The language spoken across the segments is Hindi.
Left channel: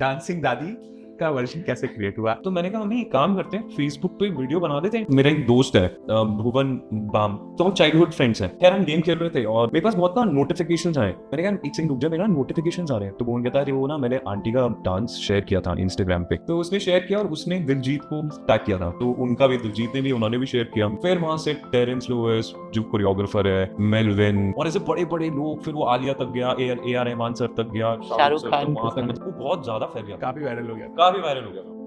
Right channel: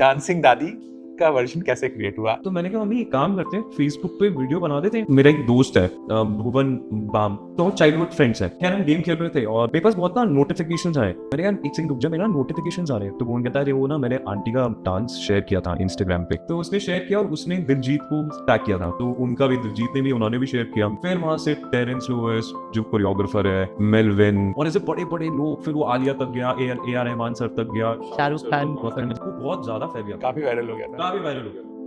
डांसिंग दादी का वर्जन कैसे क्रिएट हुआ। तो मैंने कहा हम एक काम करते हैं, फेसबुक पे वीडियो बना देते हैं। मेरा एक दोस्त है भुवन बाम, तो हम चाइल्डहुड फ्रेंड्स हैं। खैर हम गेम खेल रहे थे और मेरे पास बहुत ना नोटिफिकेशंस आए। मैंने कहा एक सेकंड रुक जा, मेरा नोटिफिकेशंस आ रहे हैं। तो वो कहता है अरे वो ना मैंने आंटी का डांस शेयर किया था इंस्टाग्राम पे, तो उसने शेयर किया और उसने दिलजीत को टैग किया था, तो उनका भी दिलजीत ने भी उन्होंने भी शेयर किया। फिर वहां से टेरेंस लोएस जो कोरियोग्राफर है, मेलविन और ऐसे बड़े बड़े लोग, फिर वो आलिया तक गया, ए आर रहमान सर तक गया, शाहरुख सर खान तक, वहां तक वो बहुत ज्यादा फैल गया, काफी वायरल हो गया था। काफी वायरल हो गया था।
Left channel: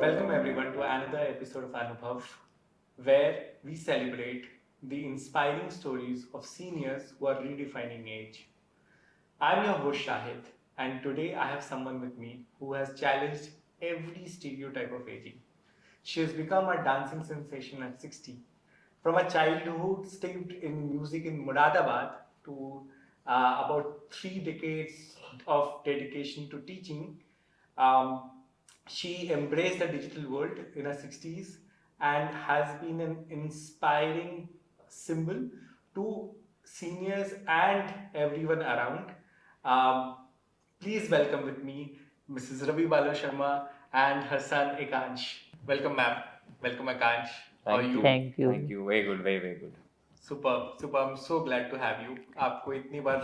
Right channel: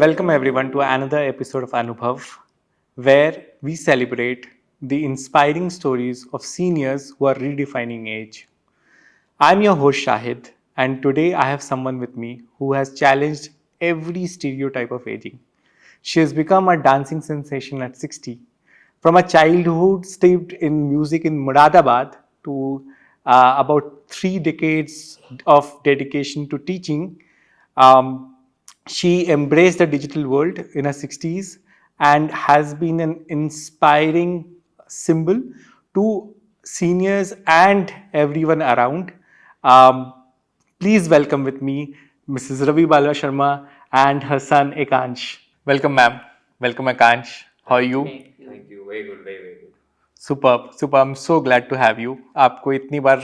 Welcome everyone to another episode of Anubhav, where we celebrate the inspiring stories of seniors who are redefining age. I'm your host Shahid, and today I have someone with me who has challenged every stereotype of aging. She has become a dancing sensation at 60. From a childhood steeped in music in Muradabad to about 3 decades of dedication to teaching, um, she embraced the digital world in her 60s and has been an inspiring symbol to seniors and everyone around. Um, Please welcome with me Mrs. Ravi Bala Sharma and her son Ekansh. Welcome, ma'am. Welcome, Ekansh. How are you? Thank you. Thank you, very good, very very good. Superb, superb. I'm so glad to have you. आपको इतनी बार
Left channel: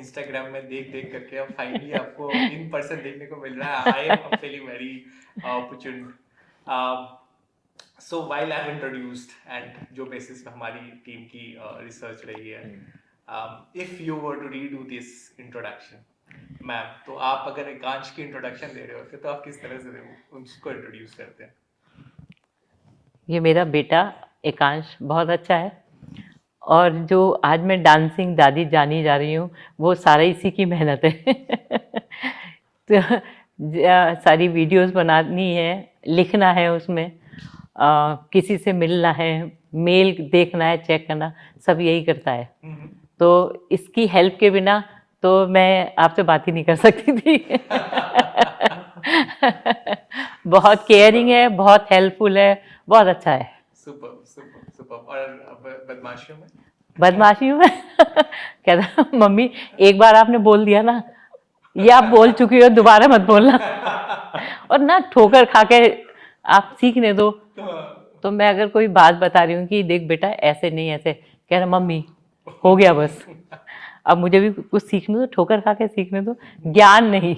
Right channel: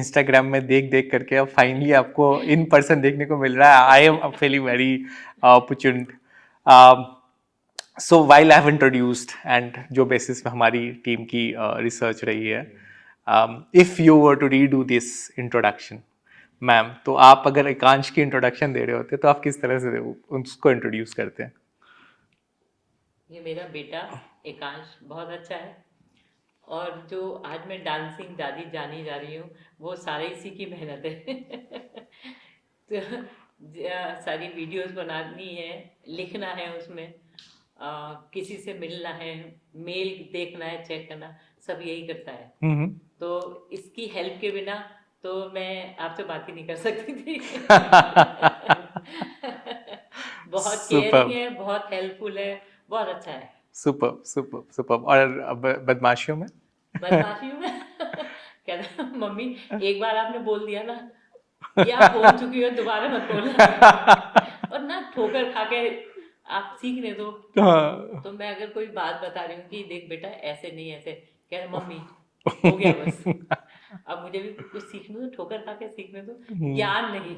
इंस्टाग्राम में देख देख करके अब फाइनली आपको इन पर्सन देखने को मिल रहा है. I am feeling very opportune. So while I have introduced and जो बेसिस पे हमारी टीम की रिसर्च रही है, if you were to redo this introduction ma'am, तो आप अगर एकांश की इंट्रोडक्शन दे रहे होते तो आप किस तरह से उसको इंट्रोड्यूस करते हैं? ये मेरा बेटा एकांश बहुत अच्छा है, और जो आज मैं डांसिंग दादी जानी जा रही हूँ वो सारा इसी की मेहनत है। तो सारी वीडियोस बनानी है, लिखना है उसमें, किसी से मिलना है, मेल देखना है, चेक करना, सब यही करता है। तो इसकी हेल्प के बिना तो मैं आपसे बात ही नहीं कर सकती थी। बहुत केयरिंग है, बहुत हेल्पफुल है, बहुत अच्छा है। Super super super. और बदमाशियों में? बदमाशियों में कहता मम्मी एक बार आपने बोल दिया ना, ये आप बोल चुकी हो, दोबारा मत बोलना। और ना ठोकर खा के आप सीखने दो। तो मैं अगर कोई बात बता रही हूँ कि देख बेटा ऐसे नहीं ऐसे, कह रहा मम्मी हो गया बस। अब मुझे भी कुछ सीखने दो, ठोकर खा के सीखने दो, ज्ञान नहीं।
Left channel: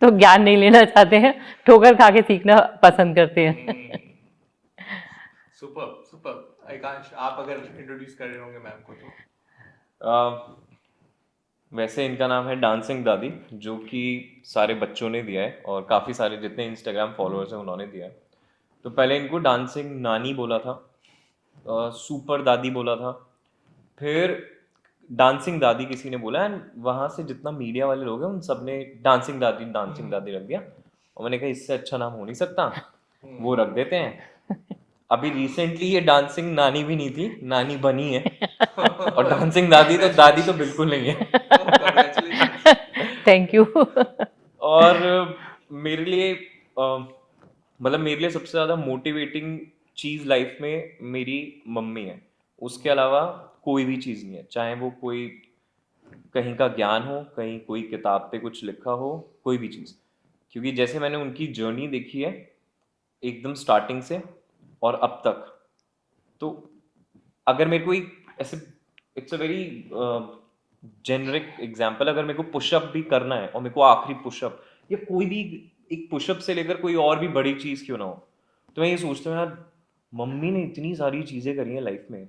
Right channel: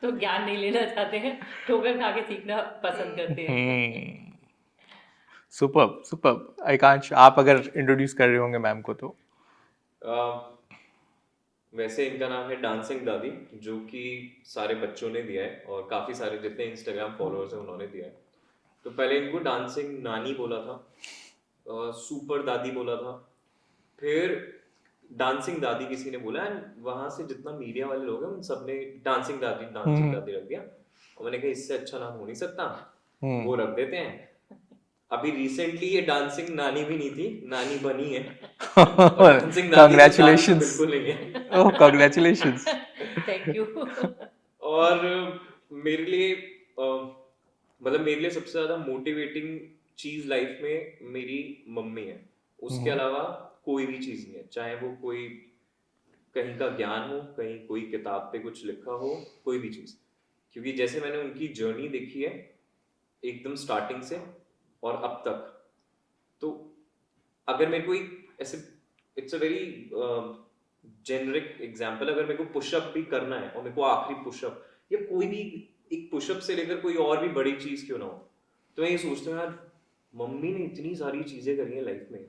तो ज्ञान नहीं लेना चाहते हैं, ठोकर खा के सीखना पसंद करते हैं। Super super. एकांश, आप अगर इंट्रोड्यूस कर रहे होंगे मैम को तो? वैसे इनका नाम है डांसिंग दादी, जो कि सारे बच्चों ने दिया है और काफ़ी सारे जितने इंस्टाग्राम फॉलोअर्स हैं उन्होंने दिया है। तो पहले इनको डांसिंग नानी बोला था, सुपर दादी बोला था, फिर डांसिंग दादी किसी ने बोला, एंड वहाँ से जितना मीडिया वाले लोग हैं उन सब ने डांसिंग दादी रख दिया। और मैंने कहा इससे अच्छा नाम हो नहीं सकता, वो रख देते हैं। अभी रिसेंटली ये डांसिंग नानी भी नहीं थी, नानी बनी है। और डांसिंग दादी तो दादी तो बिल्कुल नहीं है। कांग्रेचुलेशंस। Thank you. और मेरे लिए मतलब मेरे लिए सबसे ज्यादा मोटिवेटिंग चीज लाइफ में मेरी मम्मी है। उसके अलावा कोई भी चीज नहीं है, चाहे वो कोई कहीं का ज्ञान हो, कहीं कोई किताब पे कुछ लिखा हो, कोई भी चीज। क्योंकि जैसे मैंने उनकी जर्नी देखी है एकदम स्टार्टिंग से और अब तक, तो अगर मेरे को एक ऐसे, it's a very generic example, अगर मेरे को पुशअप भी करना है और मेरे को आखिरी पुशअप या कोई भी एक पुशअप से लेकर कोई और भी बड़ी चीज क्यों ना हो, तो मैं ये सोचता हूँ यार मम्मी ने इतनी सारी चीजें करी है लाइफ में,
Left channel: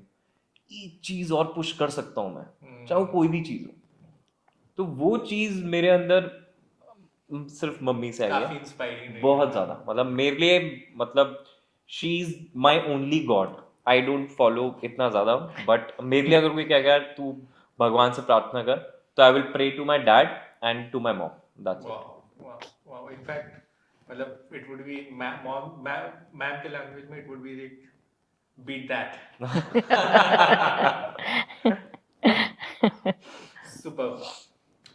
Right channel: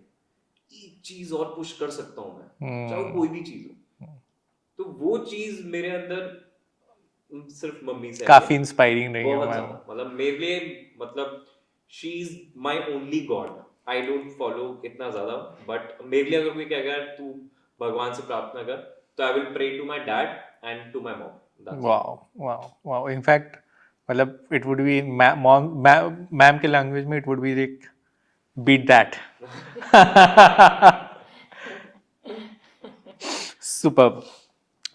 एक चीज और पुश कर सकता हूँ मैं, चाहे वो कोई भी चीज हो। तो वो चीज मेरे अंदर सिर्फ मम्मी से काफी इंस्पायरिंग रही है। बहुत ज्यादा, मतलब मेरे लिए, मतलब she is my only God. I don't follow इतना ज्यादा, बट मेरे लिए अगर कोई कहेगा यार तू भगवान से प्रार्थना कर, तो I will pray to my dad and to my mom. Wow wow wow. In fact मतलब इट वुड बी मैम के लैंग्वेज में it would be like beat that. Super.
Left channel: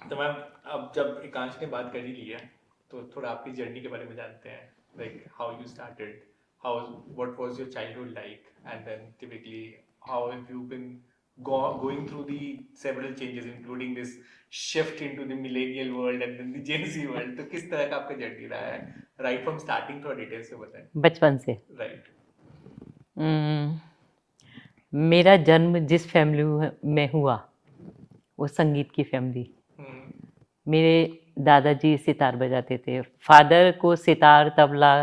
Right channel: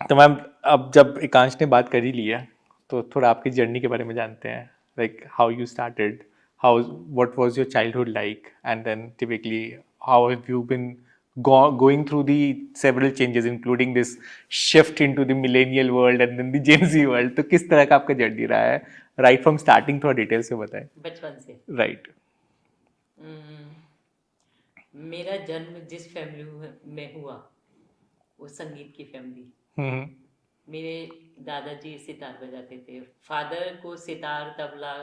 तो मैम अब जब एकांश ने बात कर ही ली है तो थोड़ा आपकी जर्नी के बारे में जानते हैं, like how you started, how what was your childhood like, and then typically how have you been going through the several changes including this shift into the millennial world and then the Gen Z world, तो किस तरह का आपका जर्नी रहा है राइट फ्रॉम स्टार्टिंग? थोड़ा डिटेल से बताएं। बचपन से राइट। मेरा जन्म जिस फैमिली में हुआ वो संगीत की फैमिली। मेरे दादाजी सितार बजाते थे, फादर को सितार, तबला,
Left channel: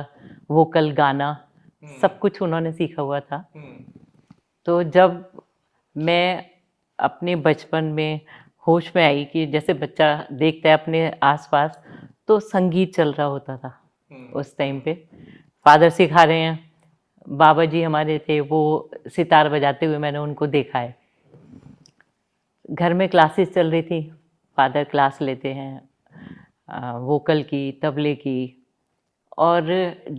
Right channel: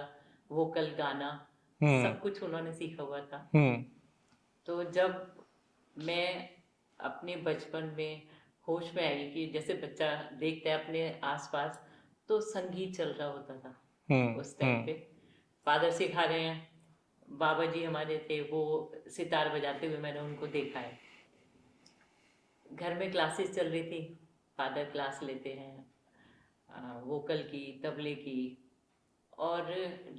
वोकल, गाना सब कुछ उन्होंने सीखा हुआ था। तो जब मैं अपने बचपन में होश में आई कि जैसे बच्चा देखता है अपने आसपास, तो संगीत चल रहा होता था उस टाइम पे। फादर सिखा रहे हैं, बाबा जी हमारे थे वो सितार बजाते हुए मैंने उनको देखा है। घर में क्लासेस चल रही थी, फादर क्लास लेते हैं वोकल की, तबले की, और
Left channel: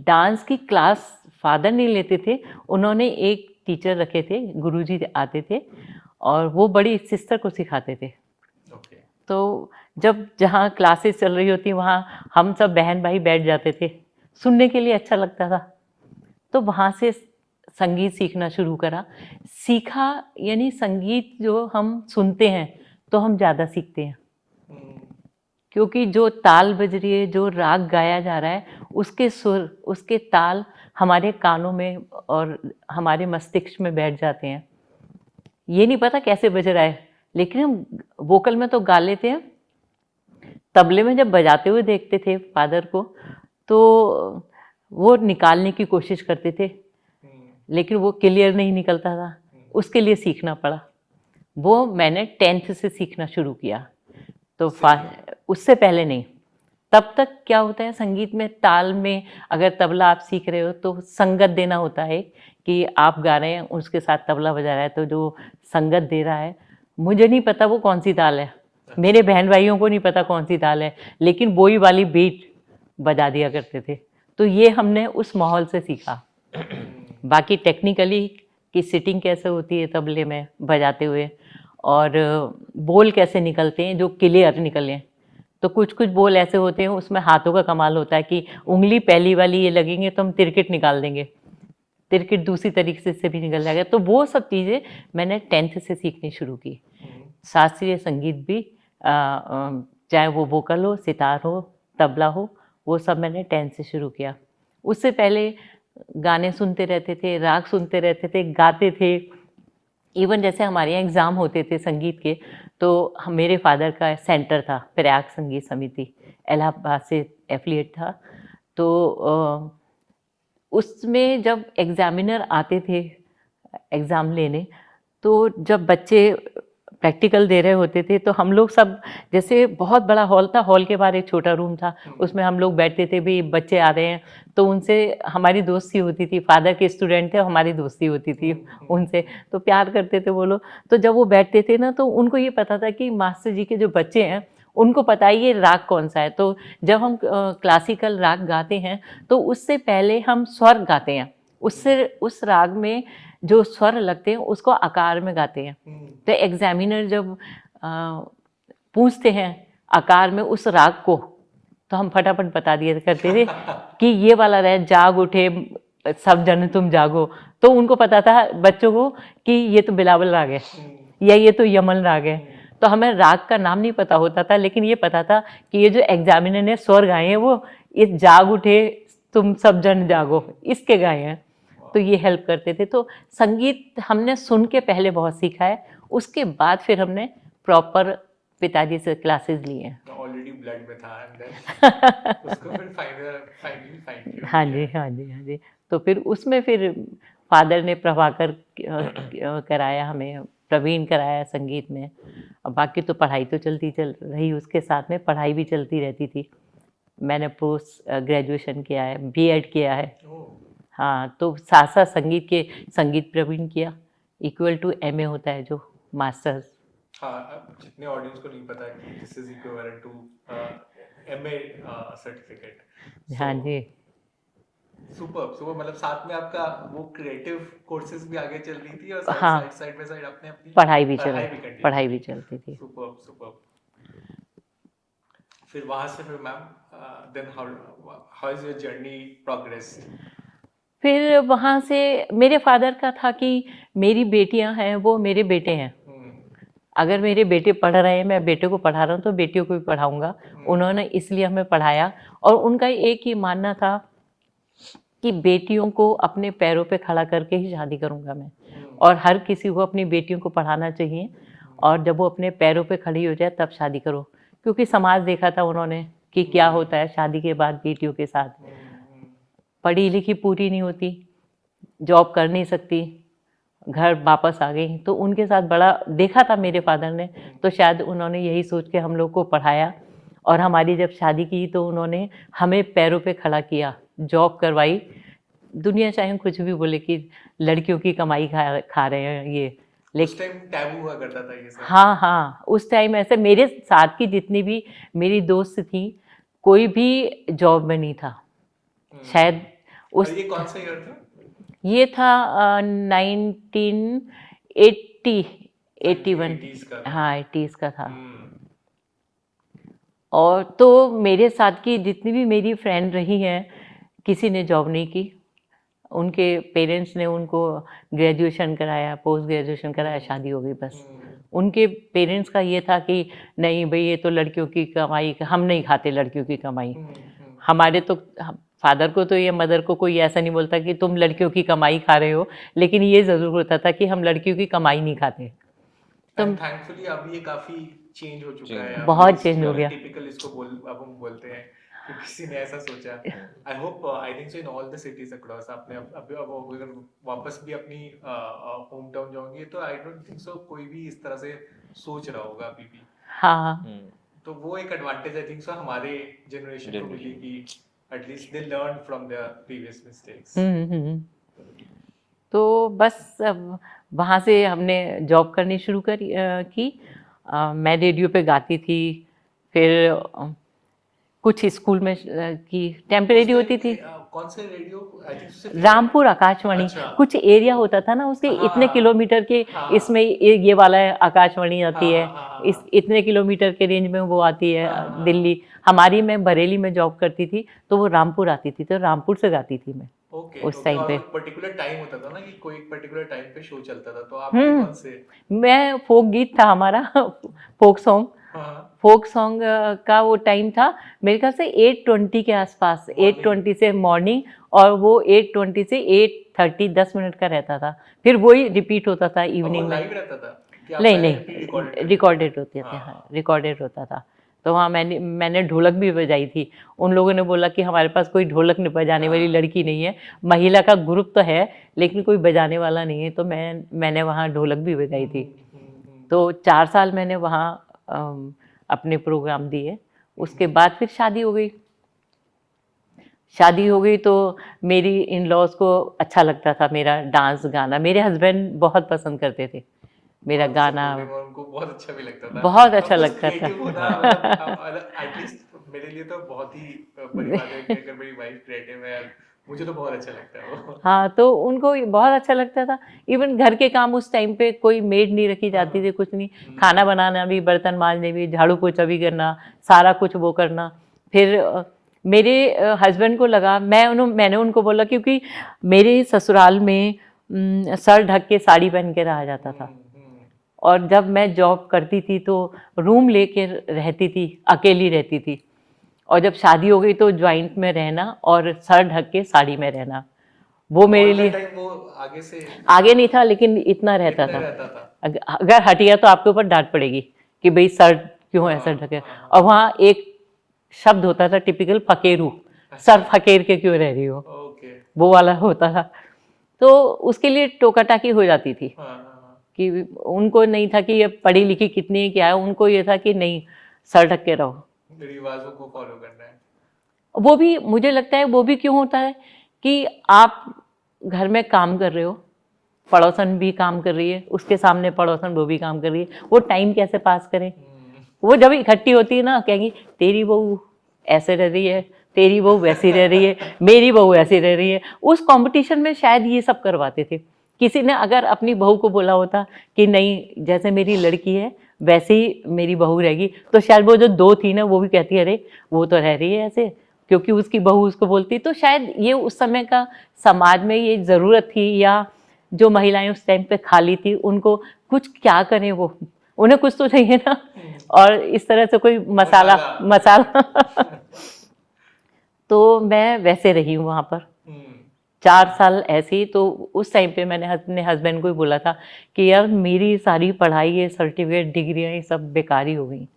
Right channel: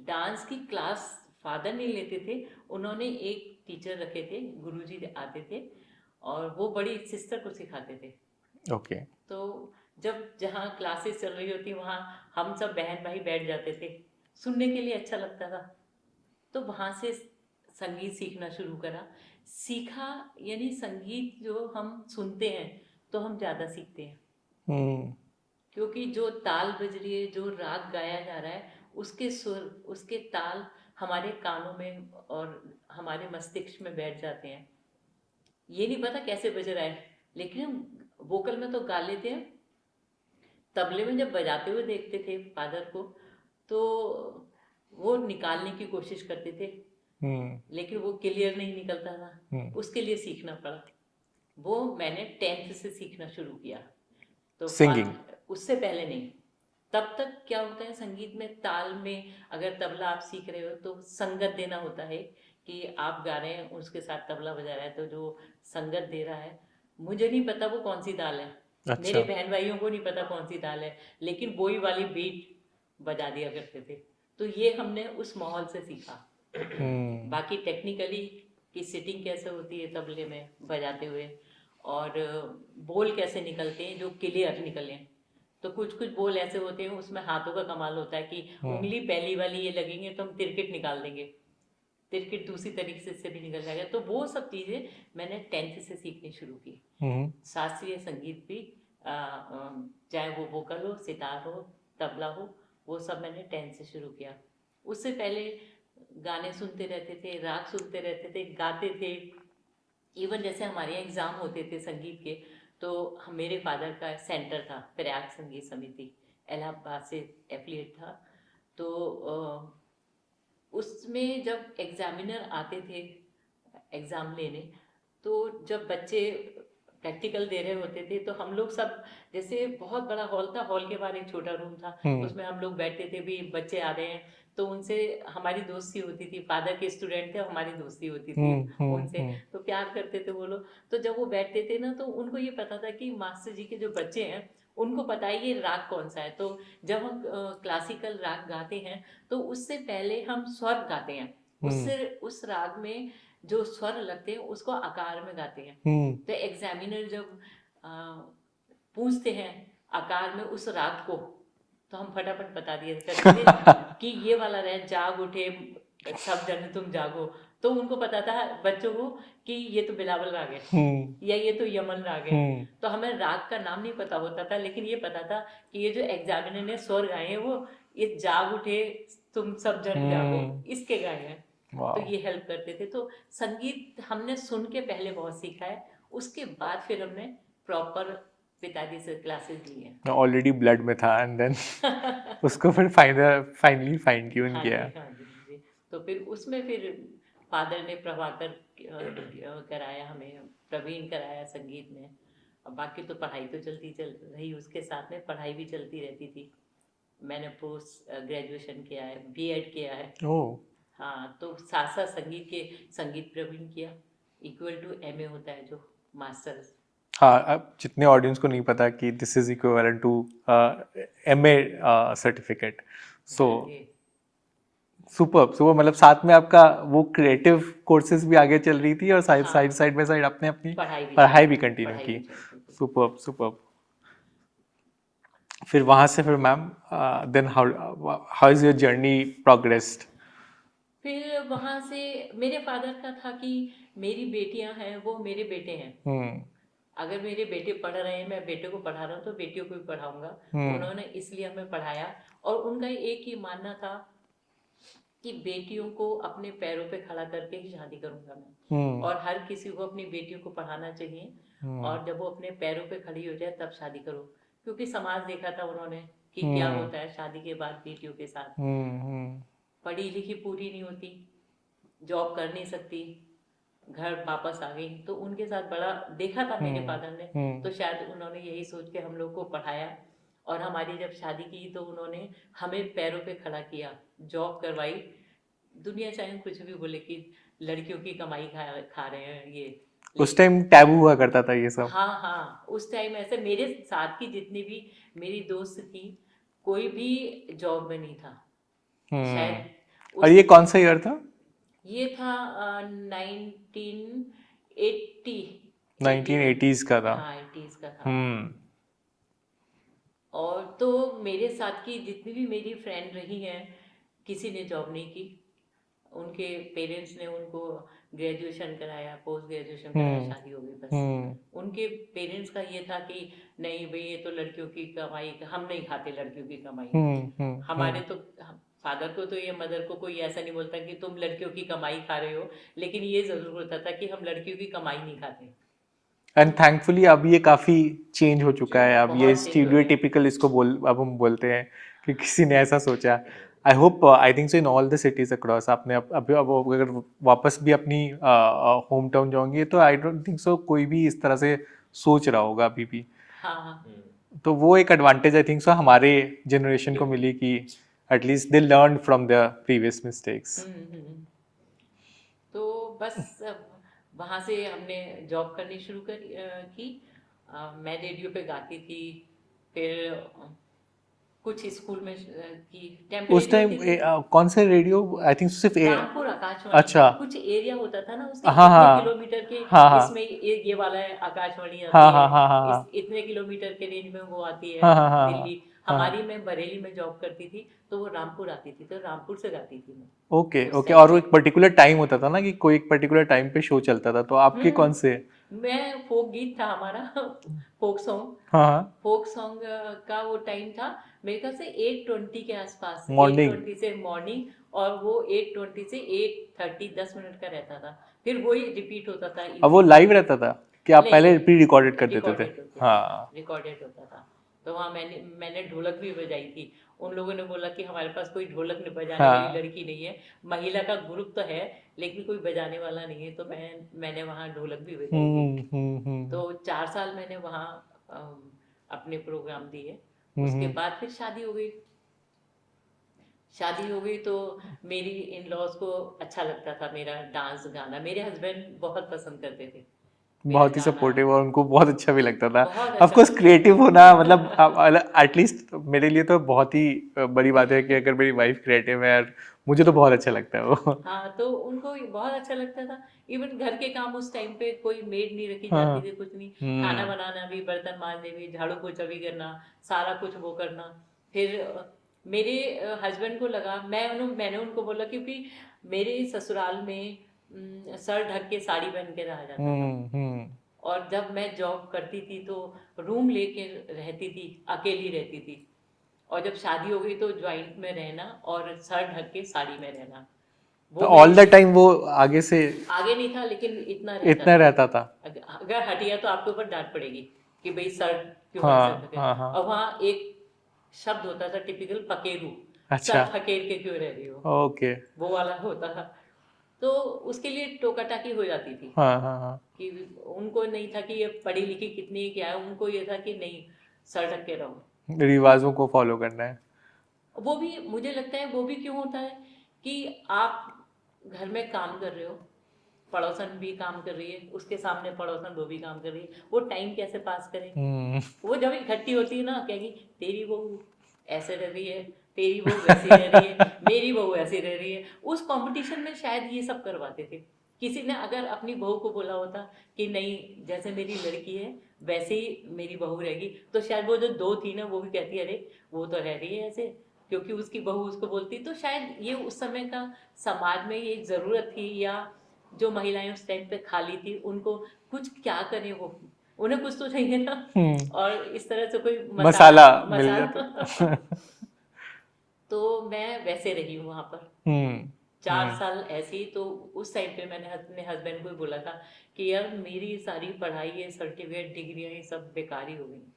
डांस की क्लास फादर नहीं लेते थे, उन्होंने एक टीचर रखे थे, गुरुजी आते थे और वो बड़ी सिस्टर को सिखाते थे। ओके। तो जब जहाँ क्लासेस चल रही होती वहाँ हम सब बहन भाई बैठ जाते थे, सुनने के लिए अच्छा लगता था। तो वहाँ से संगीत सीखना शुरू करा। सीखा यानी संगीत जो हम सुनते हैं तो हम ज़्यादा सीखते हैं, क्योंकि जो ताल बज रही है, जो राग गाया जा रहा है, उसके सुर, उसके ताल हमारे कानों में और हमारे मस्तिष्क में बैठ जाते हैं। ये नहीं पता कैसे बज रहा है, लेकिन हम वोकल में तो गा लेते हैं। तबले में जब बजाते हुए देखते थे फादर को, तो वो निकालने की कोशिश करते थे, लेकिन वो क्लियर नहीं निकलता था। उसके लिए सीखना पड़ा। वो मैंने 10th से सीखना शुरू किया। तो उससे पहले नहीं। तब तक क्या होता है संगीत में, ताल में अगर तबला आप सीख रहे हो तो संगत देना होता है कि आप गा रहे हैं, उसके साथ तबला बजा रहा है, तो जो संगत दे रहा है, मुझे नहीं पता वो कौन सी ताल है। अच्छा। मेरे बहन भाइयों को नहीं पता कौन सी ताल है, लेकिन वही वाली बीट बजा दिया करते थे। तो ये हमने उस माहौल से सीखा। बाकी टेक्निकली कि सिटिंग कैसे होती है तबले में बजाते हुए, और बोल कैसे निकलते हैं जो क्लियर निकलें। तो कुछ कुछ बोल ऐसे होते हैं उसमें हाथों का कमाल होता है कि उंगली पहली वाली ये लगेंगे तो हम तिरकिट निकाल देंगे, तिरकिट दूसरी तरीके से भी निकल जाएगा। तो वो सब चीज़ें मैंने 10th से सीखनी शुरू की। शास्त्रीय संगीत भी चाहे वो वोकल हो, सितार हो, तबला हो, वो सब मैंने 10th से शुरू किया। उससे पहले गाने सुनते रहते थे, राग सुनते रहते थे, गाते थे। इवन जैसे हमारे यहाँ एग्ज़ाम होते थे संगीत के, तो मेरे फादर का सेंटर था प्रयाग संगीत समिति, इलाहाबाद से एफिलिएट था। तो उसमें जब एग्ज़ामिनर आते थे एग्ज़ाम लेने, तो जब बच्चे प्रैक्टिकल दे रहे होते थे तो हम लोग सब, जैसे बहुत बड़ा हॉल था, हॉल के बाहर एक छोटा रूम था, उसमें हम लोग बैठते थे। भी बच्चे आ रहे हैं तो उनसे हमारी दोस्ती होती थी। फादर के स्टूडेंट थे, हमारी दोस्ती होती थी उनसे, तो प्यार करते थे वो लोग। तो जब वो बैठते थे ना, तो उनको ये पता था कि मास्टर जी के जो बच्चे हैं उनको पता है ये राग कौन सा है। तो जब हम क्लासिकल राग गाते हैं तो उससे पहले हम स्वर गाते हैं, उससे उस राग में जो स्वर लगते हैं उसको आकार में गाते हैं। तो एग्जामिनर जब पूछते हैं आकार में उस राग को, तो हम फटाफट बता दिए करते थे कि ये वाला रहे, जाग उठे सब जन तुम जागो। तो उनको पता था बच्चों को कि ये तो बिलावल राग है या ये तो यमन राग है। तो हमें राग का नाम नहीं पता होता था, लेकिन ये पता था कि ये जो एग्जामिनर ने स्वर गाए हैं वो ये जाग उठे तुम सब जन जागो इसके गाए हैं। तो ये हेल्प करते थे। तो संगीत हमने सुन के पहले बहुत सीखा है, उसके बाद फिर हमने प्रॉपर पिताजी से क्लासेस लिए हैं। ऑलरेडी ब्लड में था एंड देन उसको फिर फाइनली फाइन ट्यून किया। हाँ जी, हाँ जी, हाँ जी। तो फिर उसमें फिर फादर ने प्रभाकर कराया, हमें प्रवीण कराया संगीत में। और बाकी तो पढ़ाई तो चल रही, उसके साथ में पढ़ाई भी चलती रहती थी। मैंने पोस्ट ग्रेजुएशन किया है, बीएड किया है। हाँ, तो साथ साथ संगीत प्रवीण किया, इक्वल टू एमए होता है जो मास्टर्स। हाँ, अब जितने ऑडियंस को नहीं पता कि this is equivalent to MA certificate. So super मतलब साथ में आपका वो क्रिएटिव कोर्सेज भी आगे चल रही थी और साइड बाय साइड आपने अपनी पढ़ाई भी कंटिन्यू की। सुपर। फिर वहां से फिर ma'am then how is your journey progressed? फिर वहाँ से मेरे फादर का था कि मेरी बेटियां हैं वो मेरे बेटे हैं, अगर मेरे बेटे पढ़ रहे हैं, मैं बेटे को पढ़ा रहा हूँ तो बेटियों को भी पढ़ाऊंगा। उन्होंने इसलिए हमें पढ़ाया, और उनका एक ही मानना था कि बेटियों को अपने पैरों पे खड़ा करके ही शादी करूंगा मैं, और हर किसी को अपनी बेटियों को पढ़ाना चाहिए, और जब वो अपने पैरों पे खड़ी हो जाए तब शादी करो, क्योंकि समाज देखा था उन्होंने कि क्या होता है शादी के बाद बेटियों के साथ। पढ़ी लिखी पूरी नहीं होती, जॉब कर नहीं सकती, घर वापस आ गई, तो उनके साथ बड़ा देखा था मेरे फादर ने, तो शायद उन्होंने यही सोच के हम लोग को पढ़ाया, और हमारी जब शादी की तो उन्होंने हमें पैरों पे खड़ा किया, जॉब करवाई। दुनिया चाहे कुछ भी बोले कि लड़कियों की कमाई खा रहे हैं ये, उस टाइम टैबू हुआ करता था ये सब। हाँ हाँ, उस टाइम ऐसे मेरे साथ की जितनी भी मेरी दोस्त थी कोई भी जॉब में नहीं था शायद। और ये कौन सा ईयर था? ये था 1980 1980s का था। हाँ 80s का था। और तो मेरे साथ की जितनी भी मेरी फ्रेंड रही हैं किसी ने जॉब नहीं की, उनके पेरेंट्स ने उनको ग्रेजुएशन कराया, पोस्ट ग्रेजुएशन कराया, शादी हो गई बस। उनके पेरेंट्स का ये था कि नहीं भाई ये तो लड़कियों की कमाई, हम नहीं खाते लड़कियों की कमाई। हमारे तो फादर को तो ये, मदर को कोई ऐसा नहीं बोलता कि तुम लड़कियों की कमाई खा रहे हो, लेकिन ये जरूर होता था कि हम लड़कियों की कमाई नहीं खाते। एंड थैंकफुली अब ये काफी चेंज हो चुका है, अब ये स्टीरियोटाइपिकल इसको अब हम बोलते हैं कि किसी ने ऐसा सोचा। I hope, I think so in all the cities across, आपने अब अगर वापस भी अपनी होम टाउन जाओगे तो आई डोंट थिंक सो कोई भी इस तरह से सोच रहा होगा अभी भी। हाँ, तो वो एक एडवांटेज आई थिंक सो हमारे जनरेशन को मिली कि at least they learn from there previous mistakes. तो बस वहाँ से हमने जॉब करनी शुरू की। मैं रेडियो पे गाती थी, फिर कुछ स्कूल में की टेम्परेरी होती थी। कौन से रेडियो? आई थिंक सिर्फ रामपुर आकाशवाणी। अच्छा। कुछ एरिया होता था ना उसके, हाँ, इतने हाँ, किलोमीटर के हाँ, इसमें ये वाला आकाशवाणी आती हाँ, है, हाँ, हाँ, इस इतने किलोमीटर के रेंज में वो आती है। हाँ, दिल्ली हमारी, मैं बरेली में जॉब करती थी तो वो रामपुर आती थी, तो रामपुर से गाती थी मैं। Okay okay. और एक पर्टिकुलर टाइम होता था ना कि कोई एक पर्टिकुलर टाइम पे शो चलता था, तो आपके कौन से? मैं फोक गीत था हमारा फोक सॉन्ग। हाँ, फोक सॉन्ग का वो टाइम था मेरे ख्याल से 8:20 के आसपास, 8:20 से मॉर्निंग, और वो 8:20 से 8:30 10 मिनट का रहता था, फिर वही रिपीट होता था इवनिंग। अब वो लाइव रहता था कि आप पहले प्री रिकॉर्डेड करते थे? रिकॉर्डेड होता था, रिकॉर्डेड होता था। तो हाँ, मैंने ढोलक भी बजाई थी। उन लोगों ने बोला कि हमारे पास कोई ढोलक बजाने वाली लड़की नहीं है, महिला का ग्रुप तो है लेकिन कोई बजाने वाला नहीं है, तो मैंने वहाँ ढोलक भी बजाई थी। तो 4 साल मैंने वहाँ अपने प्रोग्राम दिए। उसके बाद फिर शादी हो गई। शादी हो गई तो मेरी इन लॉज को अच्छा लगता था मेरा डांस गाना। मेरे हस्बैंड बहुत पसंद करते थे मेरा गाना, और उनको बहुत अच्छा भी लगता था। बहुत अच्छा लगता था। क्रिएटिव होना मतलब एटलीस्ट मेरे लिए तो बहुत ही बड़ी बात है कि अगर मेरी वाइफ क्रिएटिव है, मुझे तो बहुत अच्छा लगता है वो। हाँ, तो उनको बहुत अच्छा लगता था। इवन घर के काम उस टाइम पे कोई मेड नहीं रखी जाती थी, कुछ नहीं, खाना बनाना भी, बर्तन मांजने भी, झाड़ू पोछा भी करना, सारा कुछ वो करना। फिर मेरे हस्बैंड को लगा, मैंने उनको बोला, क्योंकि मेरे ससुराल में सर ढक के साड़ी पहन के रहा जाता था, और जब मैं जॉब करती थी तो रूम लेके रहती थी, अकेली रहती थी, और जब शादी हो गई तो ज्वाइंट में रहना और सर ढक के साड़ी में रहना, वो ऑल द टाइम वो आगे से आगे नहीं था लेकिन इतना रहता था। अगर हटिया तो आपके ऊपर डांट पड़ेगी कि भाई सर क्यों ऐसा ढके। और वहाँ एक शब्द होता था टिपिकल, फकेरू। सर फकेर के क्यों रह रही हो, ओके, वो वाला होता था। तो उसके लिए टोका टाकी हो जाती थी। कि उनको नहीं था कि ये पढ़ी लिखी कितनी क्या है, उनको ये था कि नहीं, सर ढक के रहो, रिवाजों को फॉलो करना है। वो भी मुझे लगता है वो भी क्यों होता है कि आप घर में काम कर रहे हो, पड़ोसन भी काम कर रही है, उसके सामने पड़ोसन वो भी काम कर रही है, वो टाइम कैसे पास करें। वो जब इकट्ठी होती है ना, कहेंगी तेरी बहू ऐसे रह रही है, तेरी बहू वैसी रह रही है, मेरी बहू ऐसी रह रही है। उस कंपटीशन में शायद ये सब करवाते थे। किसी ने अगर अपनी बहू को बोला होता कि नहीं, जैसे मेरी लड़की है वैसे ही मेरी बहू रहेगी, तो शायद वो जो 2 थी ना, वो भी कहती है अरे वो तो रह रही है ऐसे, क्योंकि उसकी बहू उसको बोलती, तो शायद ये उस समय का समाज में ये ज़रूरत थी, या जो महिलाएं उस टाइम पे खाली थी उनको कुछ क्या करें, वो उन्हें कुछ तो चाहिए ना, और इस तरह से कोई मसाला तो मैं वैसे रही हूँ वहाँ पर 4 साल ऐसे ही। तो उस टाइम पे मैंने अपने हस्बैंड को ही बोला था कि यार मेरी सारी पढ़ाई, ये सर्टिफिकेट, डिग्रियाँ, ये सब बेकार ही हो गई।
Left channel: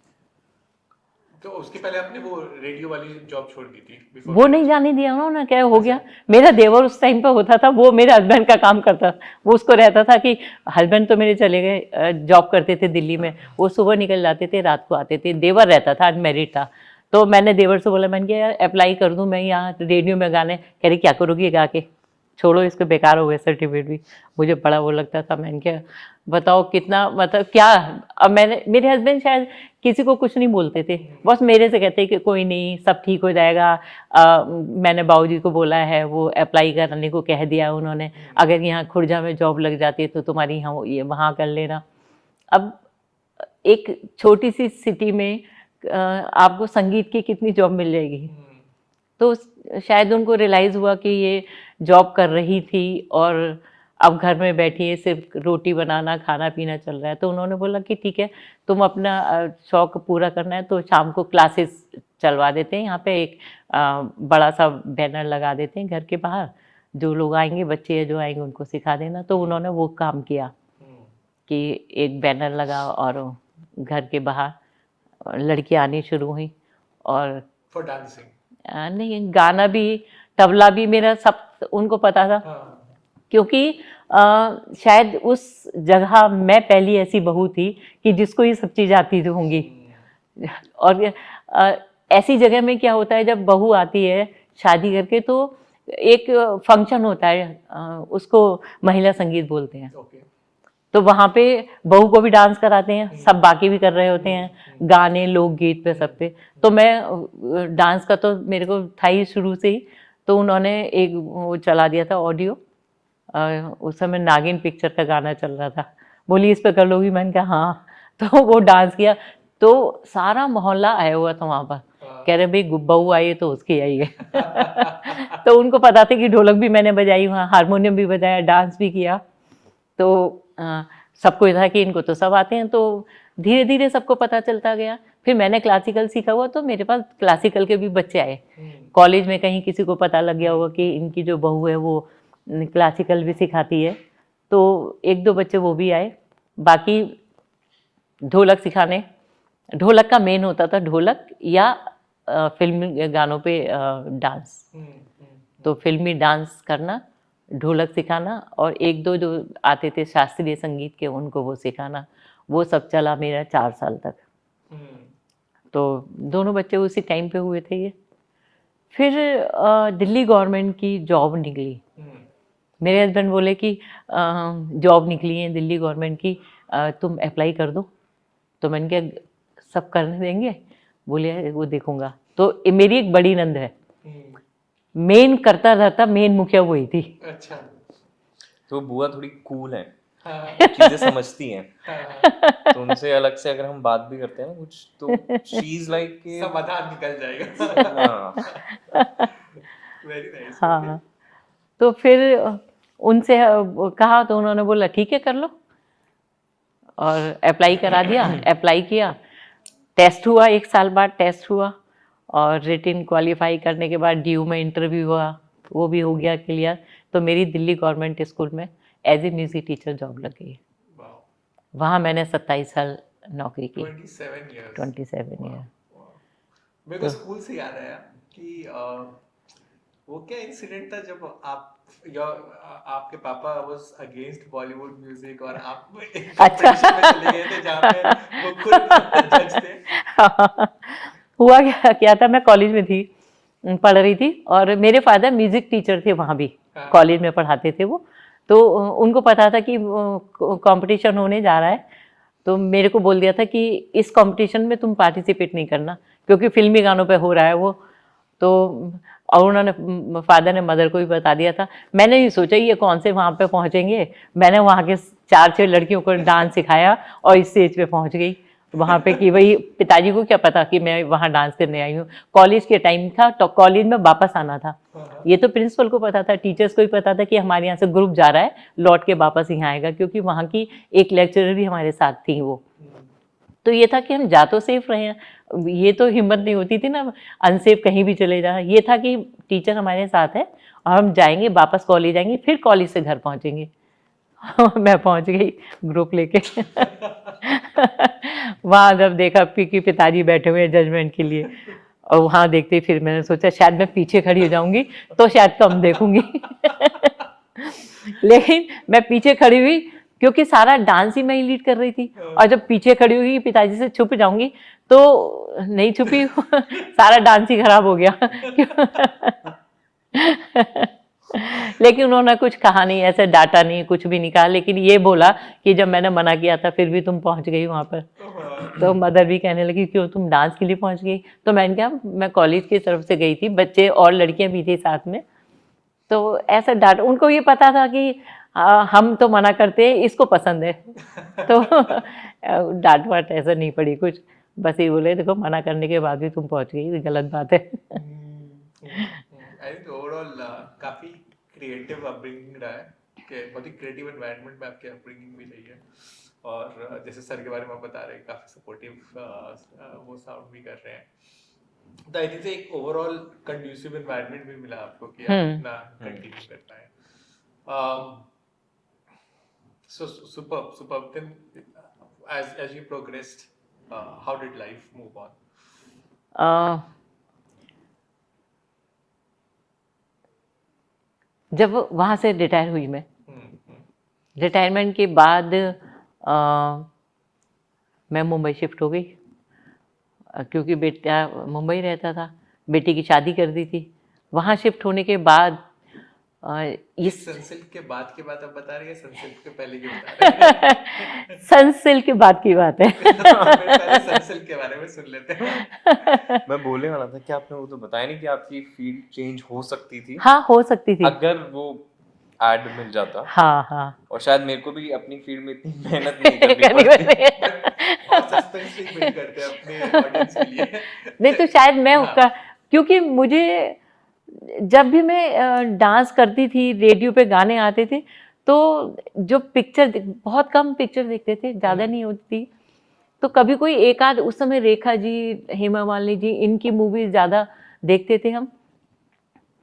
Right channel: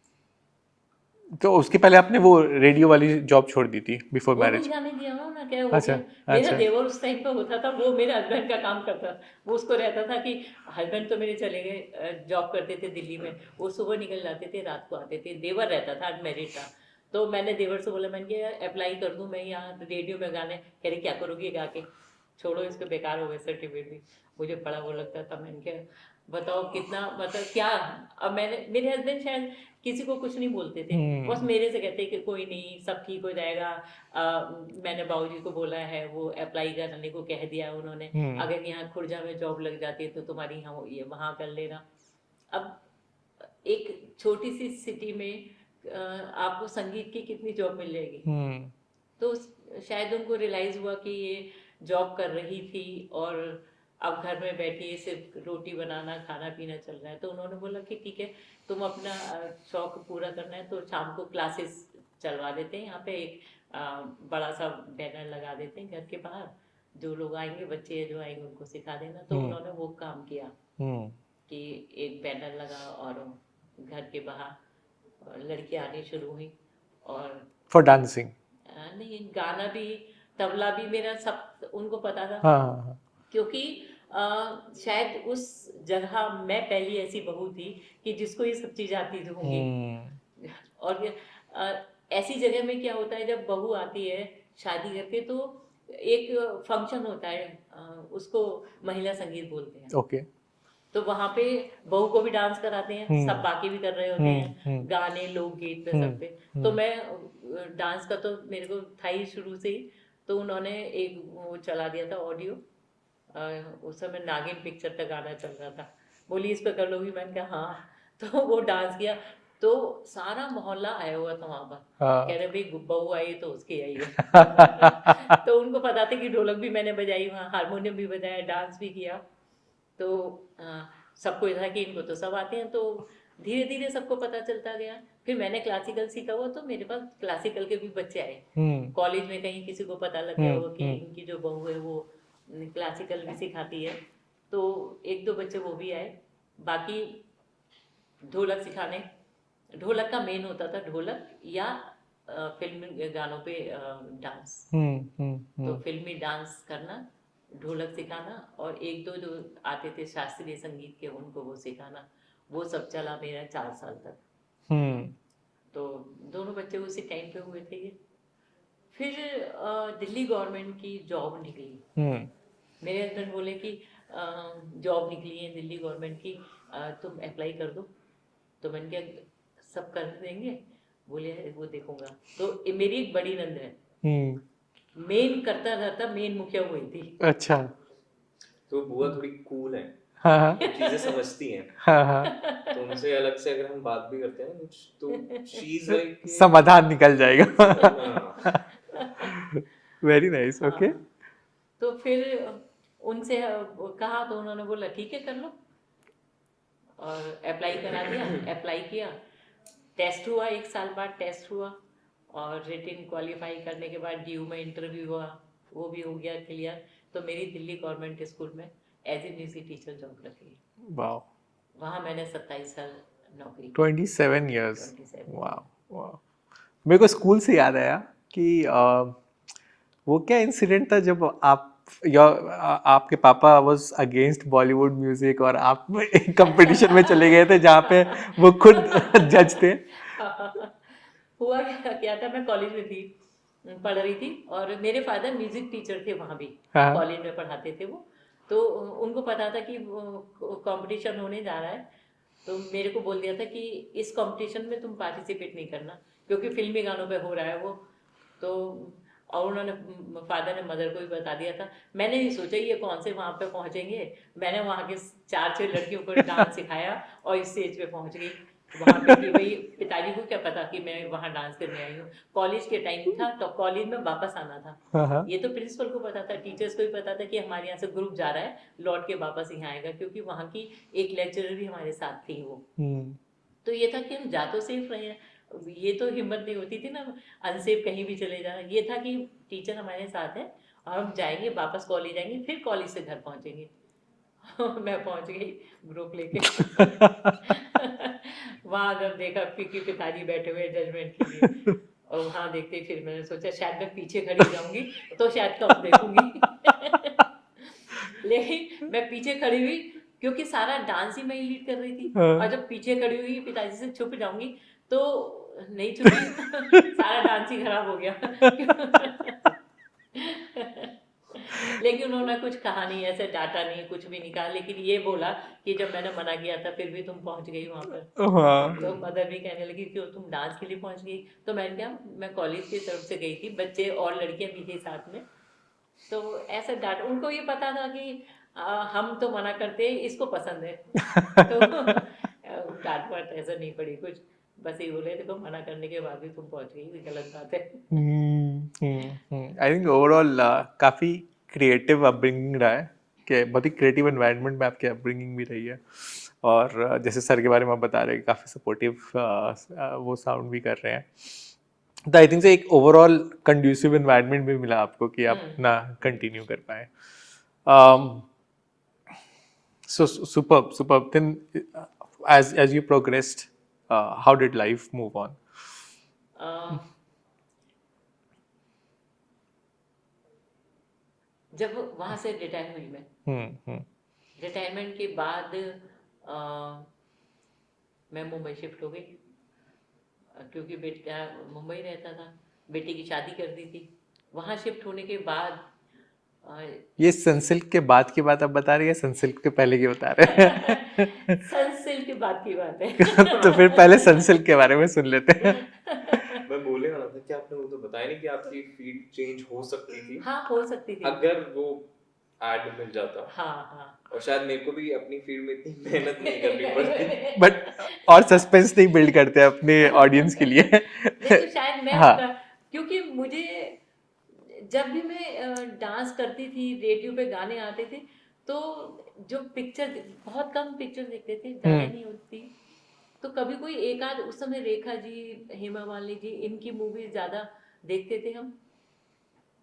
तो उसके पहले आपने वो रेडियो वाली जॉब छोड़ दी थी बिफोर वो मैरिज? नहीं जाने दिया उन्होंने, क्या हो अच्छा, गया। मेरा देवर उस टाइम पे होता था, वो मेरे हस्बैंड का काम करता, वो उसको रहता था कि हस्बैंड तो मेरे चले गए, जॉब करते थे दिल्ली में, वो सुबह निकल जाते थे, रात को आते थे। देवर रहता था, अनमैरिड था। तो मैंने देवर से बोला, मैंने कहा अप्लाई कर दूं मैं यहाँ रेडियो में गाने। कह रही क्या करोगी गा के, छोड़ो इसको, बेकार हो गए सर्टिफिकेट भी। मुझे बड़ा वो लगता था। मैंने क्या बताओ कितना, मतलब क्या। अब मेरे हस्बैंड शायद किसी को कुछ नहीं बोलते थे, बस मेरे से कहते कि कोई नहीं, सब ठीक हो जाएगा। मैंने बाबूजी को बोला है, वो अप्लाई करने को कह दिया उन्होंने, अगर यहाँ खुर्जा में जॉब लग जाती तो तुम्हारी यहाँ ये वहाँ कर लेना। अब एक छोटी सी सिटी में आपको संगीत की कितनी जॉब मिल जाएगी। तो शायद उनको रियलाइज़ हुआ कि ये जॉब कर रही थी और अब घर में बैठी है, सिर्फ रोटी बनाना, खाना पीना चल रहा है। तो उन्होंने बोला कि ठीक है, तुम अपना शौक पूरा करना है तो शाम को क्लासेस चलवा देते हैं। यहाँ पे एक बड़ा सा बैनर लगा देते हैं घर के बाहर, जो लोग आएंगे, बच्चे जो आएंगे उनको सिखा देना। तो उन्होंने वो काम किया कि एक बैनर लगा और घर के बाहर लड़कियाँ आनी शुरू हुई। और फॉर डांसिंग? नहीं, गाना भी, तबला भी, मेरा सब उनको पता था। क्योंकि शायद उस जगह मैं पहली ऐसी बहू थी कि जिसको ये सब चीज़ आती होंगी। और ऐसी जगह में क्या होता है, जब बहू आती है शादी करके, तो एक फंक्शन होता है, उसको महिला संगीत बोलते हैं। ओके। तो वहाँ पे बहू को भी डांस कराते हैं, सब बाकी भी कर रहे होते हैं, गाने, लोकगीत पे, सब पे। तो मैं डांस का तो मेरे को था ही शुरू से ही। तो उन्होंने एक वो चला दिया था ऑडियो, उस समय नागिन पिक्चर का गाना चल रहा था। बोली इस पे कर लोगी? मैंने कहा हाँ। तो वो डांस किया, तो सारा मोहल्ला आया हुआ था वहाँ पर। कह रहे भाई बहू आई है तो उसकी आई है। तो उनको पता था कि ढोलक भी मैंने बजाई वहाँ, हारमोनियम भी बजाया, डांस भी किया। तो सबको था कि इनको तो सब आते हैं। तो धीरे धीरे सबको पता चलता गया। फिर मैंने क्लासिकल सीखा हुआ, तो मेरे पास क्लासिकल के भी बच्चे आए। कॉलेज में कहीं किसी को पता लग गया होगा कि इनकी जो बहू है वो क्लासिकल भी सिखाती है, तो 1-2 बच्चे वो भी आए। बाकी ढोलक सिखाने, ढोलक का मेन होता था, ढोलक या फिल्मी गानों पे डांस। तो फिल्मी डांस करना, ढोलक सिखाना, और 1-2 जो आते थे शास्त्रीय संगीत के, उनको वो सिखाना। वो सब चला मेरा 4 साल तक। तो दोनों बच्चे उसी टाइम पे हुए थे ये। फिर दिल्ली गवर्नमेंट की जॉब निकली। मेरे हस्बैंड बोले कि जॉब निकली है दिल्ली गवर्नमेंट की, तुम अप्लाई कर दो। तो मैंने कहा सब करने देंगे? बोले वो देखूंगा। तो मेरी एक बड़ी नंद है, मेन करता रहता, मेन मुखिया वही थी। अच्छा। तो बुआ थोड़ी कूल है, हाँ। चीजें समझती हैं। हाँ। तो उनसे अलग से अगर हम बात भी करते हैं ना कुछ, तो शी इज लाइक समाधान निकल जाएगा। हाँ। Very nice. हाँ, ओके। तो फिर उनसे कहा, तो उन्होंने बोला ठीक है कर लो, और अप्लाई करा दिया। अप्लाई किया, टेस्ट हुआ, 1 साल बाद टेस्ट हुआ, और रिटन क्वालिफाई करने के बाद ड्यू में इंटरव्यू हुआ, वो भी हो गया क्लियर। तो मेरी दिल्ली गवर्नमेंट स्कूल में as a music teacher job लग गई। वाओ। वहाँ मैंने 27 साल नौकरी की। 27 years। 27 वाओ। ईयर। मेरे को स्कूल से याद आया कि वो क्या इंसिडेंट था जब आपके पापा वाज अगेंस्ट बॉलीवुड म्यूजिक और आप एक कंपटीशन में चले गए थे जहाँ पे वो खुद जज थे। हुआ क्या था, मैं कॉलेज में थी, पढ़ रही थी, और मेरे फादर म्यूजिक टीचर थे वहाँ भी, कॉलेज में पढ़ाते थे वो। तो उनको पता था कि कंपटीशन होने जा रहा है। तो मेरे को बोल दिया था कि इस कंपटीशन में तुम पार्टिसिपेट नहीं करना, क्योंकि फिल्मी गानों पे हो रहा है वो। तो और उन्होंने, फादर ने मदर को भी बता दिया था। मैंने ये सोचा ये कौन से वहाँ पे पहुँचेंगे। मैंने वहाँ के 4-6 लड़कियों को डांस सिखाया और इस स्टेज पे पहुँच गई। वहाँ पे कि भाई पिताजी को क्या पता कि मैं वहाँ डांस करने आई हूँ। कॉलेज के टाइम था तो कॉलेज में वापस आना था, ये तो प्रिंसिपल को पता था, टीचर्स को भी पता था कि हमारे यहाँ से ग्रुप जा रहा है, लौट के वापस यहाँ आएगा, क्योंकि वहाँ की एक लेक्चरर भी हमारे साथ थी वो। तो ये था कि हम जा तो सेफ रहे हैं, ये तो हिम्मत नहीं होती थी ना अनसेफ कहीं भी चले जाना। ये था कि टीचर हमारे साथ है और हम जाएंगे, वापस कॉलेज आएंगे, फिर कॉलेज से घर पहुँचेंगे। मैं पहुंच गई ग्रुप लेके। वहां जब देखा कि पिताजी बैठे हुए हैं जजमेंट के लिए, और वहां देखते फिर मैंने सोचा शायद मैं पीछे खड़ी हो जाऊंगी तो शायद कम देखूंगी। लेकिन मैं पीछे खड़ी हुई क्योंकि सारा डांस ही मैं ही लीड कर रही थी, और जब पीछे खड़ी हुई पिताजी से छुप जाऊंगी तो नहीं छुपी। सारा डांस ही खराब हो गया। लेकिन उन्होंने कुछ कहा नहीं, ऐसे डांटा नहीं, कुछ भी नहीं कहा, लेकिन ये बोला कि जब मैंने मना किया था फिर भी तुम पहुंच गई वहां पर। तो मदर भी कहने लगी क्यों तुम डांस के लिए पहुंच गई? तो मैंने कहा मैं कॉलेज की तरफ से गई थी, बच्चे और लड़कियां भी थी साथ में, तो ऐसा डांट, उनको ये पता था कि हम तो मना करते हैं, इसको पसंद है। तो डांट वाट ऐसा नहीं पड़ी कुछ, बस ये बोले देखो मना करने के बाद भी तुम पहुंच गई, गलत बात है। आई थिंक ओवरऑल काफ़ी क्रिएटिव अपब्रिंगिंग रहा है, कि बहुत ही क्रिएटिव एनवायरनमेंट में आपकी अपब्रिंगिंग भी रही है, और जैसे सर के बारे में आप बता रहे हैं काफ़ी सपोर्टिव वो साउंड भी कर रहे हैं, तो आई थिंक से एक ओवरऑल कंड्यूसिव एनवायरनमेंट भी मिला आपको कि आप अपना कंटिन्यू कर पाए। So superb. Then, as you progressed, how did life move on? जब वहाँ से रिटायर हुई मैं, रिटायरमेंट के बाद मैं मुंबई शिफ्ट हो गई, क्योंकि बेटा मुंबई रहता था, बेटी की शादी कर दी थी। वहाँ शिफ्ट होने के बाद ये सनसिल्क के बाद की बात आप बता रही है, सनसिल्क के पहले की बता रहे हैं? सनसिल्क के बाद की बात है। तो फिर पहले सनसिल्क के बारे में सुन लेते हैं। मैं बोलने वाला था कि आपने वो तो बताया नहीं कि आपकी फील्ड चेंज हो सकती थी। हाँ हो सकती थी, अगर वो एड मिल जाता। हाँ। और शायद मेरे को भी अपनी फील्ड में इतनी मेहनत नहीं करनी पड़ती, बट और सस्पेंस नहीं बिल्ड करते अपने ऑडियंस के लिए। नहीं तो शायद मैं उसका, क्योंकि मुझे जब भी मैं डांस करती थी, रेडियो पे गाने आते थे, तो जो पिक्चर, बहुत कम पिक्चर देखते थे, ज़्यादा नहीं होती, तो कभी कोई एक आध, उस समय रेखा जी, हेमा मालिनी जी, इनकी मूवीज ज़्यादा देखते थे हम।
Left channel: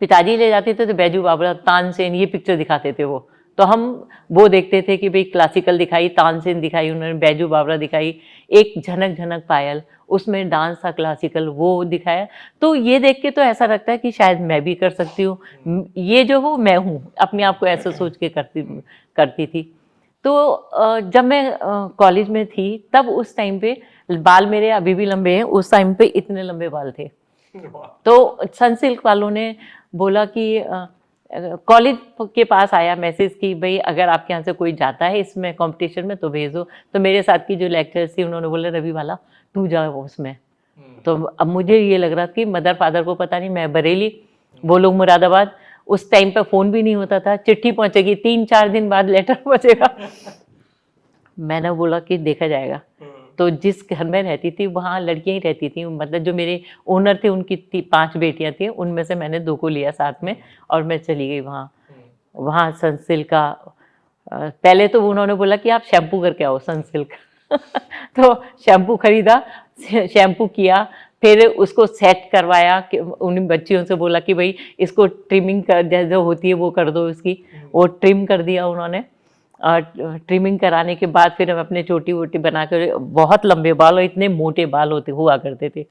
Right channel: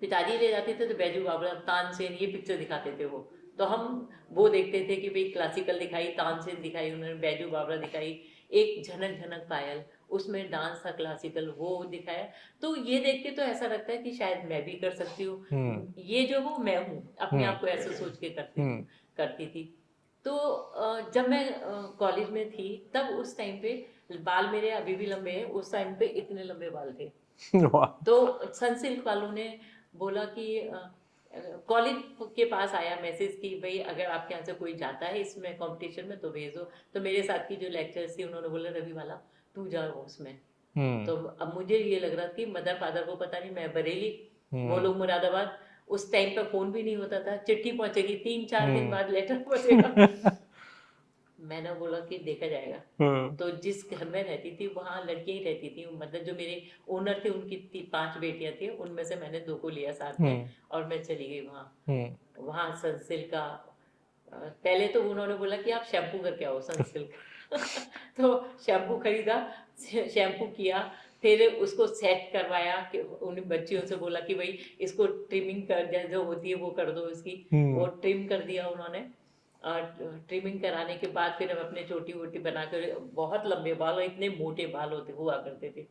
पिताजी ले जाते थे तो बैजू बावरा, तानसेन, ये पिक्चर दिखाते थे वो, तो हम वो देखते थे कि भाई क्लासिकल दिखाई, तानसेन दिखाई उन्होंने, बैजू बावरा दिखाई, एक झनक झनक पायल, उसमें डांस था क्लासिकल, वो दिखाया। तो ये देख के तो ऐसा लगता है कि शायद मैं भी कर सकती हूँ, ये जो हूँ मैं हूँ, अपने आप को ऐसा सोच के करती थी। तो जब मैं कॉलेज में थी तब उस टाइम पे बाल मेरे अभी भी लंबे हैं, उस टाइम पे इतने लंबे बाल थे। तो सनसिल्क वालों ने बोला कि कॉलेज के पास आया मैसेज कि भाई अगर आपके यहाँ से कोई जाता है इसमें कंपटीशन में तो भेजो। तो मेरे साथ की जो लेक्चर्स थी उन्होंने बोला रवि वाला तू जाओ उसमें। तो अब मुझे ये लग रहा था कि मदर फादर को पता नहीं, मैं बरेली, वो लोग मुरादाबाद, उस टाइम पे फ़ोन भी नहीं होता था, चिट्ठी पहुंचेगी 3-4 दिन बाद लेटर पहुंचेगा। मैंने बोला कि देखा जाएगा। तो जिस घर में रहती थी वहाँ लड़कियां ही रहती थी, मतलब जो मेरे ओनर थे उनकी 5 बेटियां थी, उनमें से मैंने 2 को लिया साथ में और मैं चली गई वहाँ। वहाँ सनसिल्क का पहले तो उन्होंने बोला कि आप शैम्पू करके आओ सनसिल्क। तो शैम्पू खरीदा, शैम्पू किया, फिर उसको सेट करवाया, उन बच्चियों से बोला कि भाई इसको ट्रिमिंग कर जो होती है वो कर दो इसकी, वो ट्रिम कर दिया उन्होंने। ट्रिमिंग कराने के बाद फिर हम अपने छोटी वोटी बना कर, बहुत लंबे बाल और इतने मोटे बाल हुआ करते थे,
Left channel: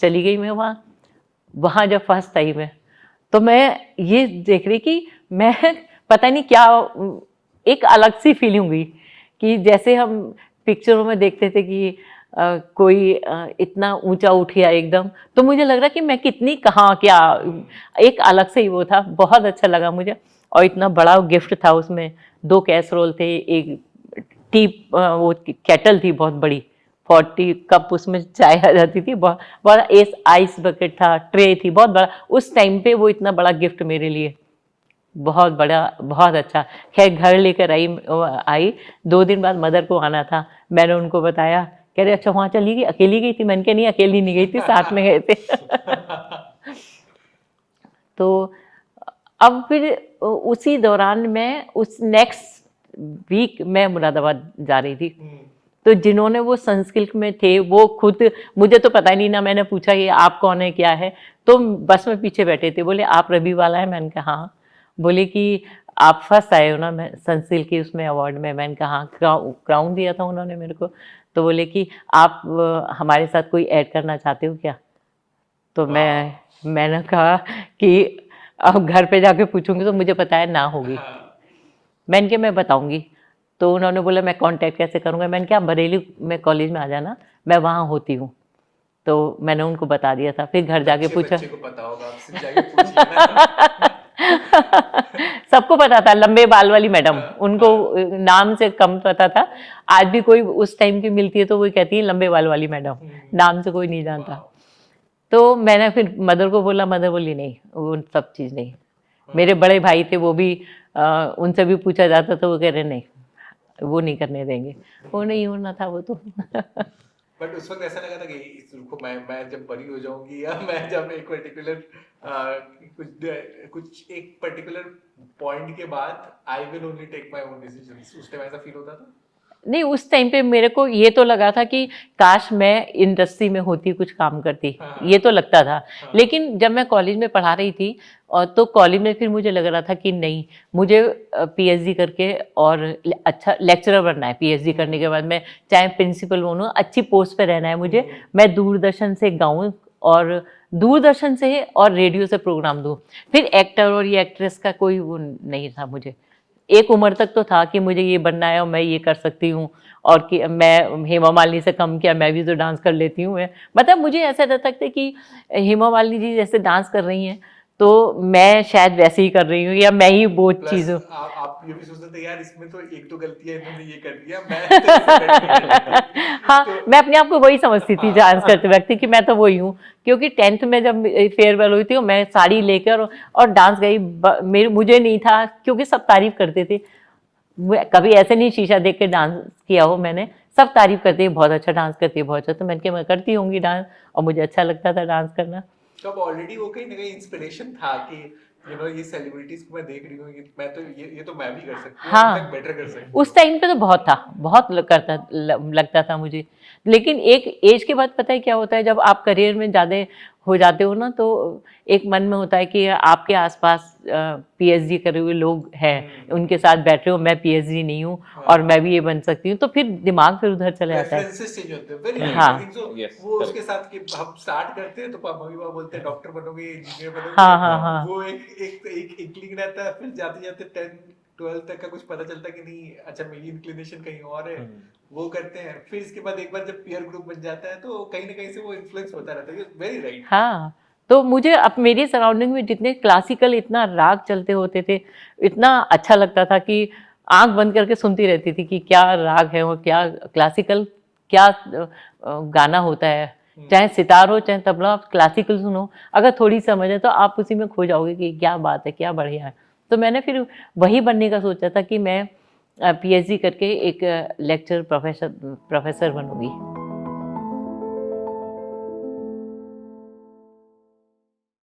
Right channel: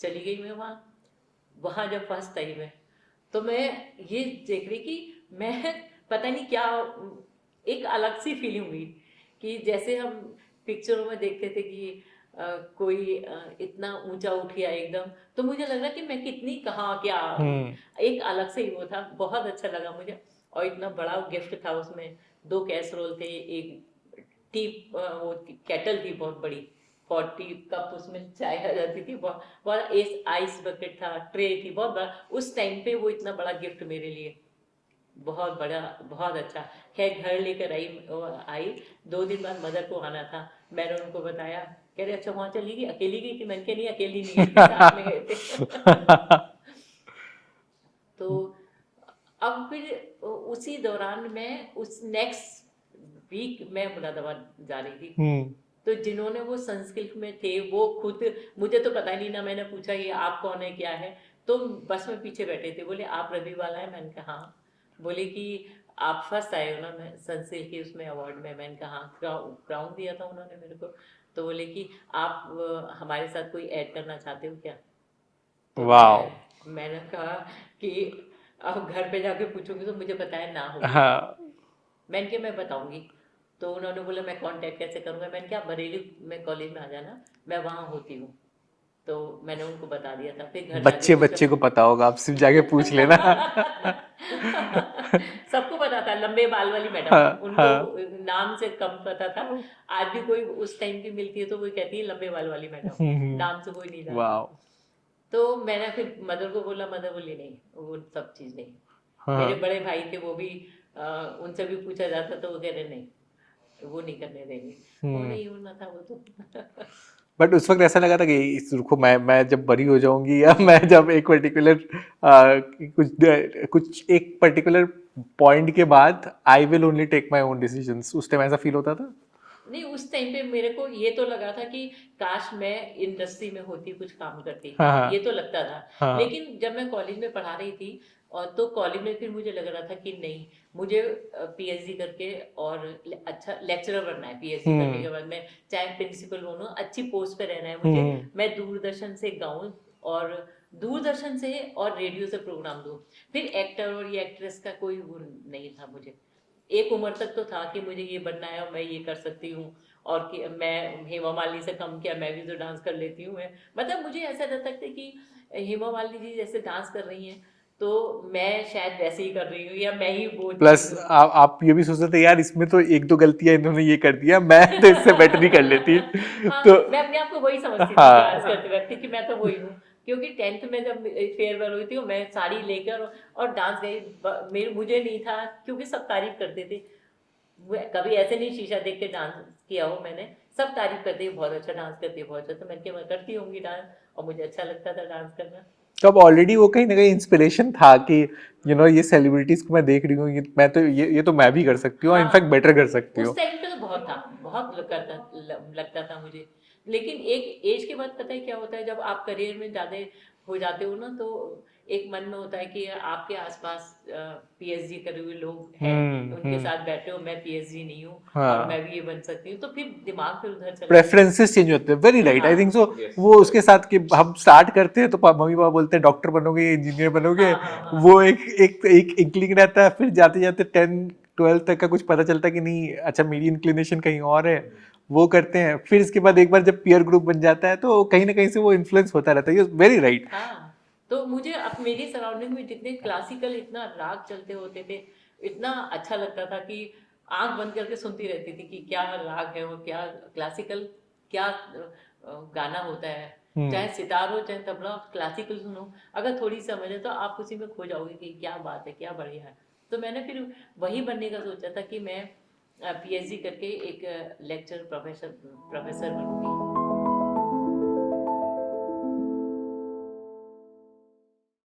चली गई मैं वहाँ जब फर्स्ट टाइम है तो मैं ये देख रही कि मैं पता नहीं क्या, एक अलग सी फीलिंग हुई कि जैसे हम पिक्चरों में देखते थे कि कोई इतना ऊंचा उठ गया एकदम, तो मुझे लग रहा कि मैं कितनी कहाँ क्या, एक अलग से ही वो था, बहुत अच्छा लगा मुझे। और इतना बड़ा गिफ्ट था उसमें, 2 कैसरोल थे, एक टी वो केटल थी बहुत बड़ी, 40 कप उसमें चाय आ जाती थी, बहुत बड़ा आइस बकेट था, ट्रे थी बहुत बड़ा, उस टाइम पे वो इतना बड़ा गिफ्ट मेरे लिए, बहुत बड़ा, बहुत अच्छा। खैर घर लेकर आई 2 दिन बाद मदर को आना था, मैंने उनको बताया कह रहे अच्छा वहाँ चली गई, अकेली गई थी? मैंने कहा नहीं अकेली नहीं गई थी, साथ में गए थे। तो अब फिर उसी दौरान मैं उस नेक्स्ट वीक मैं मुरादाबाद जा रही थी। तो जिन्होंने वो संस्कृत में थे वो खुद, मुझे तो पता ही नहीं ना, मैंने पूछा ये आप कौन है क्या है, तो बस में पीछे बैठे थे, बोले आप रवि वाला है? मैंने कहा हाँ। बोले कि आप फर्स्ट आए हो ना मैं संस्कृत की उसमें अवार्ड में? मैंने कहा हाँ, क्राउन दिया था उन्होंने मेरे को। तो बोले कि आप हमारे साथ कोई ऐड करना चाहते हो क्या? तो मैंने कहा कि अब घर पे जाके पूछूंगी तो मुझे पता है ना होगी। मैंने कहा मैं बताऊंगी। तो उन्होंने बोला मैं कांटेक्ट कैसे करूंगा? मैंने कहा बरेली में कॉलेज में आ जाना, मैं वहाँ होती हूँ। तो मैंने उनको बता दिया था। फिर घर जाके पूछा, बच्चे को पता होगा, आप सिर्फ जाके पूछ लेना। सबको पता था, लंबे बाल वाली मैडम, उनको नाम से कम पता था। आज भी कोई उस टाइम की मिलती है तो वो कहती है लंबे बाल वाली मैडम, नाम से कोई नहीं जानता। तो मैंने फिर मदर को बोला, मदर बोली नहीं वो सब चीज़ नहीं। मेरे बड़े भाई थे वो भी, उनसे भी पूछा जाता तो वो कह रहे नहीं वो नहीं करने देंगे, वो नहीं होना था वो तो। बट उस वक्त ऐसा लगा था कि इस रुको मैं जब बड़ी हो जाऊंगी, या मैं जब एक पर्टिकुलर कुछ एक पर्टिकुलर पॉइंट के बाद I will only take my own decisions, उस टाइम ऐसा फील होता था? नहीं, उस टाइम पे मेरे को ये तो लगा था कि काश मैं इंडस्ट्री में होती, कुछ काम करती, ये तो लगता था। लेकिन जब मैं कॉलेज में पढ़ा रही थी और तो कॉलेज में फिर मुझे लग रहा था कि नहीं, मुझे पीएचडी करके और अच्छा लेक्चरर बनना है। पीएचडी करने के बाद मैं चाहे प्रिंसिपल बनूं, अच्छी पोस्ट पे रहना है मुझे। मैं दूरदर्शन से गाऊं और दूरदर्शन से और रेडियो से प्रोग्राम दूं। फिर एक्टर और ये एक्ट्रेस का कोई वो नहीं था मुझे। एक उम्र तक तो था कि मुझे ये बनना है और मैं ये कर सकती हूँ, और कि मैं हेमा मालिनी से कम किया, मैं भी तो डांस कर लेती हूँ। मतलब मुझे ऐसा रहता था कि हेमा मालिनी जी जैसे डांस कर रही हैं तो मैं शायद वैसे ही कर रही हूँ, या मैं ही वो चीज़ हूँ। आप ये भी सोचते थे यार इसमें तो एक दो गलतियां इन्होंने ये कर दिया, मैं तो इससे बेटर ही कर लेती। हाँ, तो मैं अपने आप को वही समझती थी डांस करते वक्त कि मैं तो वही हूँ। क्योंकि 10th में जब फेयरवेल हुई थी मैं साड़ी लेकर और डांस गई, मुझे नहीं था, क्योंकि सब तारीफ करते थे। कभी ऐसे नहीं शीशा देख के डांस किया हो मैंने, सब तारीफ करते हैं बहुत अच्छा डांस करती है, बहुत अच्छा। तो मैंने कहा मैं करती होंगी डांस, और मुझे अच्छा लगता था डांस करना। तो अब ऑलरेडी वो कहीं ना कहीं इंस्पिरेशन था कि ये सेलिब्रिटीज को मैं देख रही हूँ, मैं तो ये तो मैं भी कर सकती हूँ, इनफैक्ट बेटर कर सकती हूँ। उस टाइम पे तो बहुत था, बहुत लगता था मुझे। लेकिन एक एज के बाद पता है क्या होता है, जब आप करियर में ज़्यादा हो जाते हो ना, तो एक मन में होता है कि आपके आसपास पीएचडी करे हुए लोग हैं, उनके साथ बैठ रहे हो, मैं पीएचडी नहीं हूँ और मैं भी ये बन सकती हूँ, तो फिर दिमाग फिर उधर चला जाता है। प्रेफरेंसेस चेंज होते हैं। Very right, I think so. वो उसके साथ कि हम स्टार्ट करते हैं तो मम्मी पापा बोलते हैं डॉक्टर बनोगे, इंजीनियर बनोगे, वो एक इंक्लिंग रहता है। फिर जाते जाते 10-12 तक का कुछ पता चलता है कि नहीं, अच्छा मेरी इंक्लिनेशन कहीं और है, वो करते हैं। फिर इसके बाद एक बार जब पीयर ग्रुप बन जाता है तो कहीं ना कहीं से वो इन्फ्लुएंस होता रहता है। Very right. हाँ, तो मुझे अब मेरी सराउंडिंग में जितने क्लासिकल इतना राग चलते होते थे, इतना अच्छा लगता था कि आंख बंद करके सुनती रहती थी कि क्या राग है और क्या क्लासिकल, क्या गाना होता है। चाहे सितार हो चाहे तबला, आप क्लासिकल सुनो, अगर थोड़ी समझ है तो आप उसी में खो जाओगे कि क्या बात है, क्या बढ़िया है। तो मैंने फिर वही बनने का सोचा था कि मैं पीएचडी करके एक लेक्चर प्रोफेसर बनूंगी।